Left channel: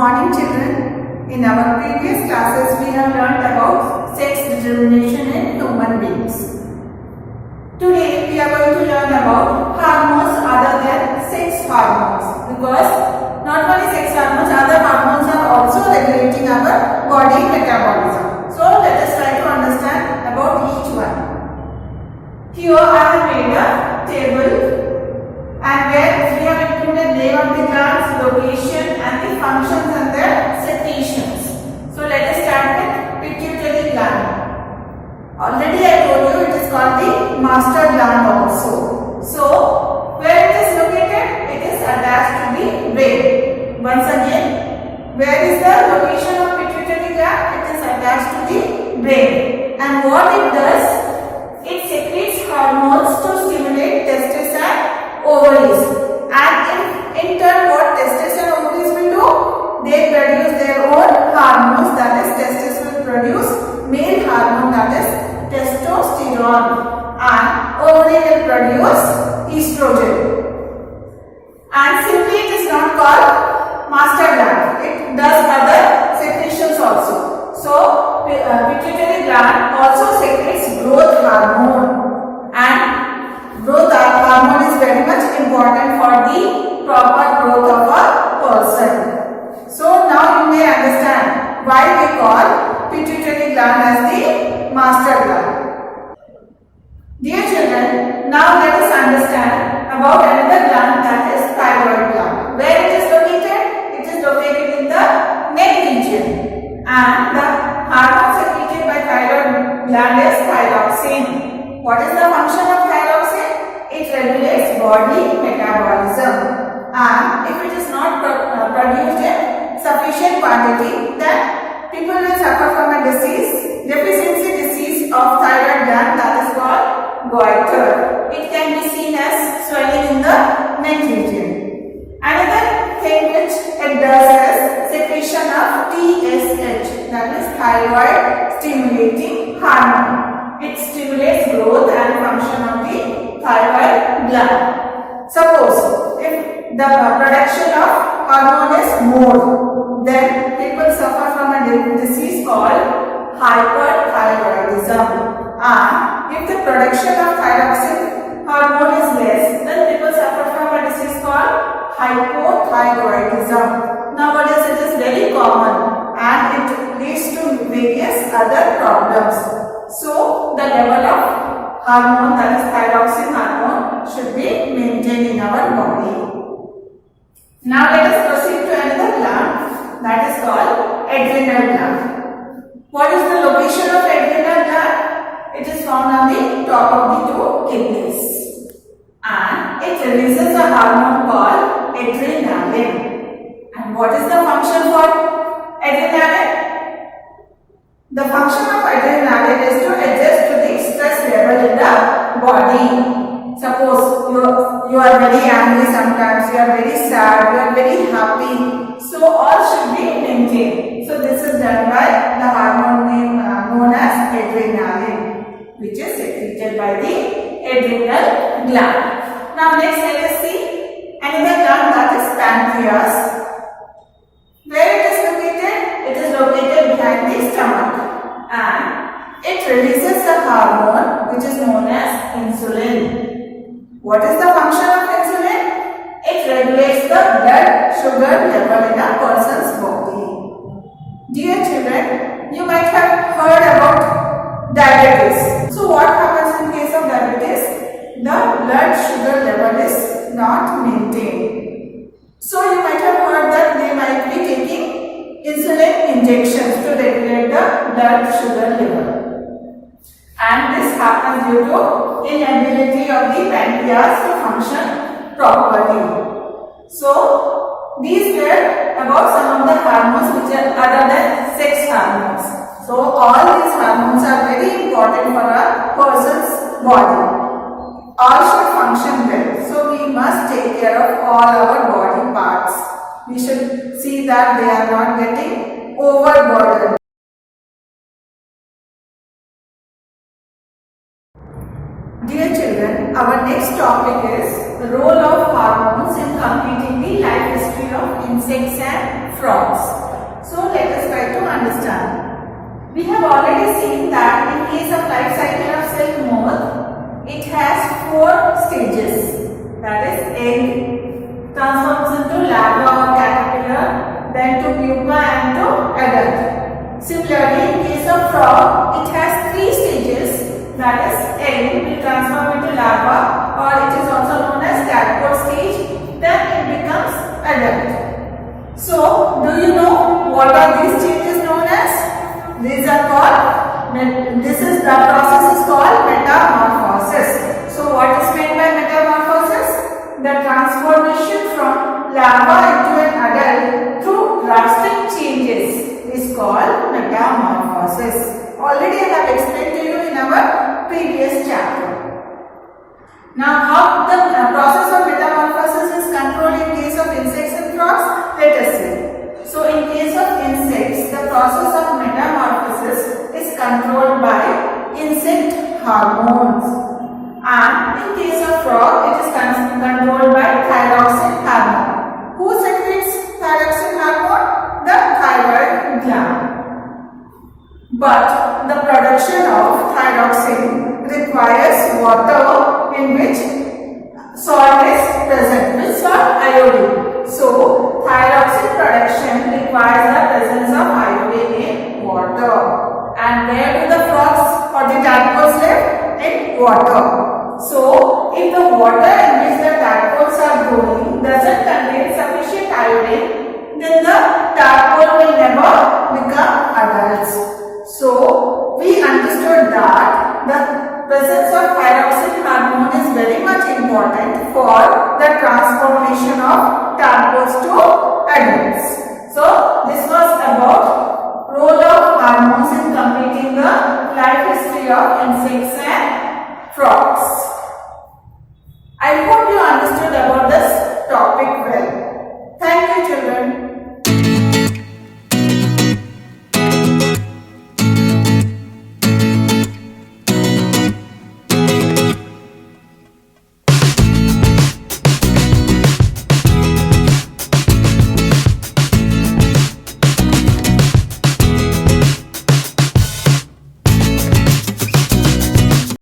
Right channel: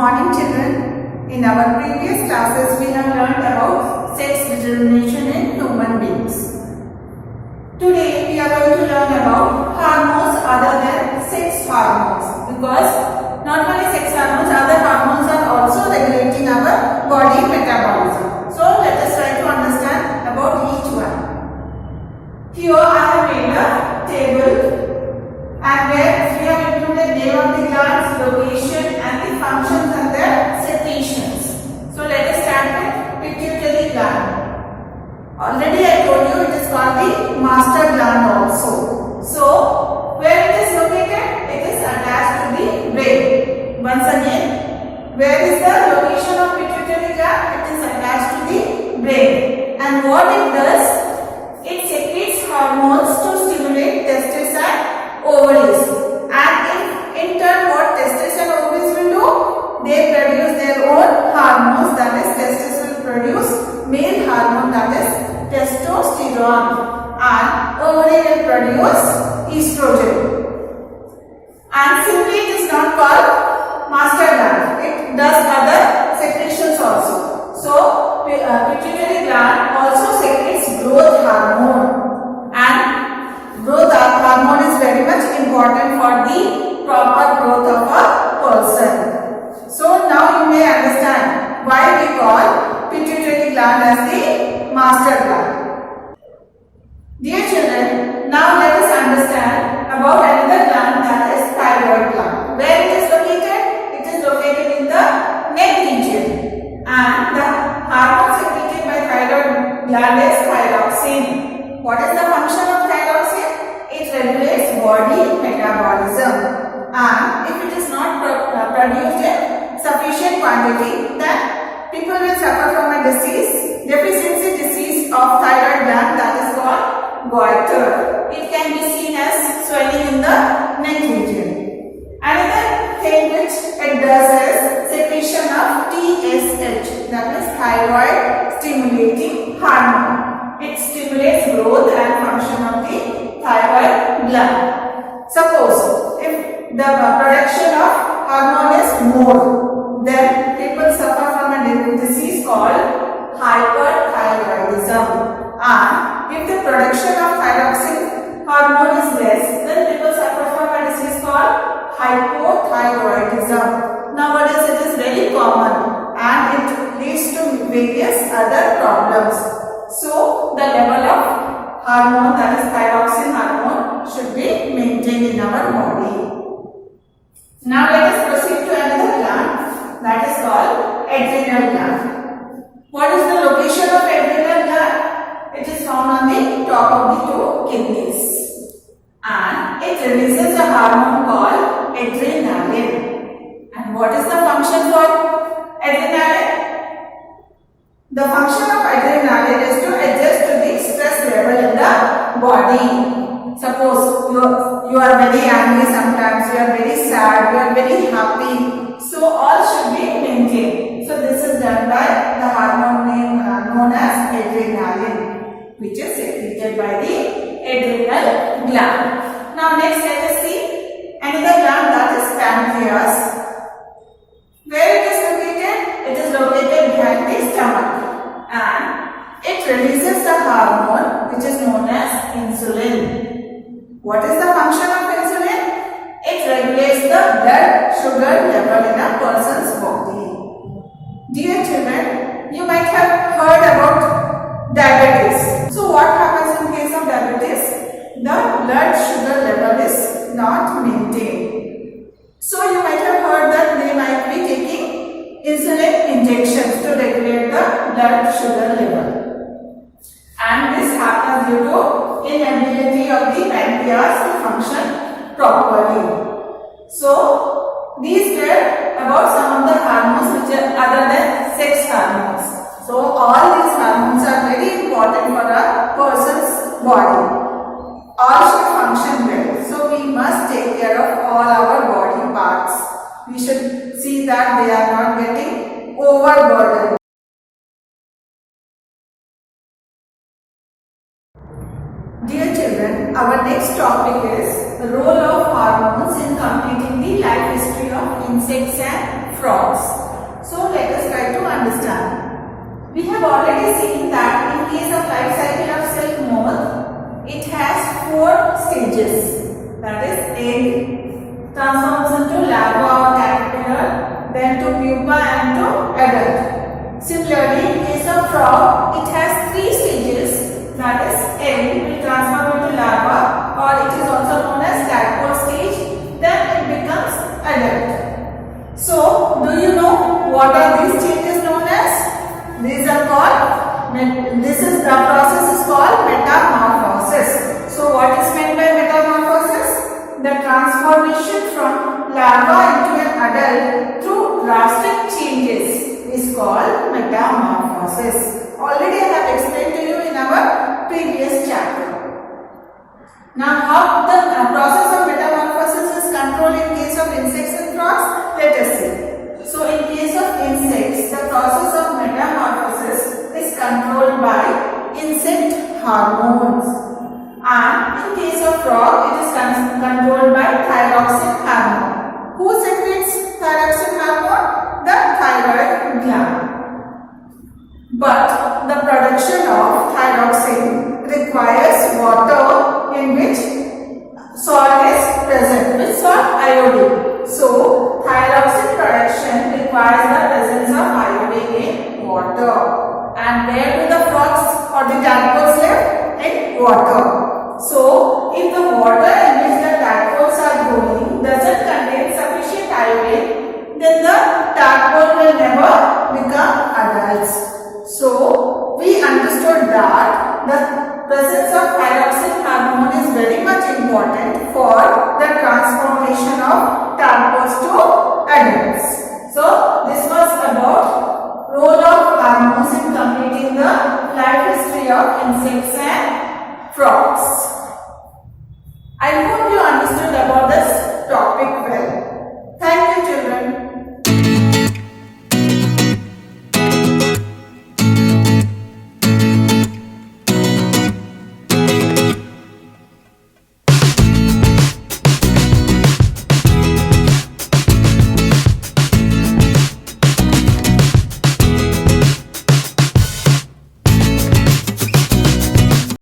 morning children. In our previous classes we have learnt about sex determination in human beings. Today we are going to learn about hormones other than sex hormones, because not only sex hormones, other hormones are also regulating our body metabolism. So let us try to understand about each one. Here I have made a table, and where we have included name of the glands, location and the functions and their secretions. So let us start with pituitary gland. Already I told you it is called the master gland also. So where it is located? It is attached to the brain. Once again, where is the location of pituitary gland? It is attached to the brain. And what it does? It secretes hormones to stimulate testes and ovaries, and in turn what testes and ovaries will do? They produce their own hormones, that is testes will produce male hormone, that is testosterone, and ovary will produce estrogen. And simply it is not called master gland, it does other secretions also. So pituitary gland also secretes growth hormone, and growth hormone is very much important for the proper growth of a person. So now you may understand why we call pituitary gland as the master gland. Dear children, now let us understand about another gland, that is thyroid gland. Where it is located? It is located in the neck region, and the hormone secreted by thyroid gland is thyroxine. What is the function of thyroxine? It regulates body metabolism, and if it is not produced in sufficient quantity, then people will suffer from a deficiency disease of thyroid gland, that is called goiter. It can be seen as swelling in the neck region. Another thing which it does is secretion of TSH, that is thyroid stimulating hormone. It stimulates growth and function of the thyroid gland. Suppose if the production of hormone is more, then people suffer from a disease called hypothyroidism. And if the production of thyroxine hormone is less, then people suffer from a disease called hypothyroidism. Nowadays it is very common and it leads to various other problems. So the level of hormone, that is thyroxine hormone, should be maintained in our body. Now let us proceed to another gland, that is called adrenal gland. What is the location of adrenal gland? It is found on the top of the two kidneys, and it releases a hormone called adrenaline. And what is the function for adrenaline? The function of adrenaline is to adjust to the stress level in the body. Suppose you are very angry sometimes, you are very sad, you are very happy. So all should be maintained. So this is done by the hormone known as adrenaline, which is secreted by the adrenal gland. Now next let us see another gland, that is pancreas. Where it is located? It is located behind the stomach, and it releases a hormone which is known as insulin. What is the function of insulin? It regulates the blood sugar level in a person's body. Dear children, you might have heard about diabetes. So what happens in case of diabetes? The blood sugar level is not maintained. So you might have heard that they might be taking insulin injections to regulate the blood sugar level. And this happens due to inability of the pancreas to function properly. So these were about some of the hormones which are other than sex hormones. So all these hormones are very important for a person's body. All should function well. So we must take care of all our body parts. We should see that they are not getting overburdened. Dear children, our next topic is the role of hormones in completing the life history of insects and frogs. So let us try to understand. We have already seen that in case of life cycle of silk moth, it has 4 stages. That is, egg transforms into larva or caterpillar, then to pupa and to adult. Similarly, in case of frog, it has 3 stages. That is, egg will transform into larva, or it is also known as tadpole stage. Then it becomes adult. So, do you know what are these stages known as? These are called, the process is called metamorphosis. So, what is meant by metamorphosis? The transformation from larva into an adult through drastic changes is called metamorphosis. Already I have explained to you in our previous chapter. Now, how the process of metamorphosis is controlled in case of insects and frogs? Let us see. So, in case of insects, the process of metamorphosis is controlled by insect hormones, and in case of frog, it is controlled by thyroxine hormone. Who secretes thyroxine hormone? The thyroid gland. But the production of thyroxine requires water in which salt is present. Which salt? Iodine. So, thyroxine production requires the presence of iodine in water. And where do the frogs or the tadpoles live? In water. So, if the water in which the tadpoles are growing doesn't contain sufficient iodine, then the tadpole will never become adults. So, we understood that the presence of thyroxine hormone is very much important for the transformation of tadpoles to adults. So, this was about role of hormones in completing the life history of insects and frogs. I hope you understood about this topic well. Thank you, children.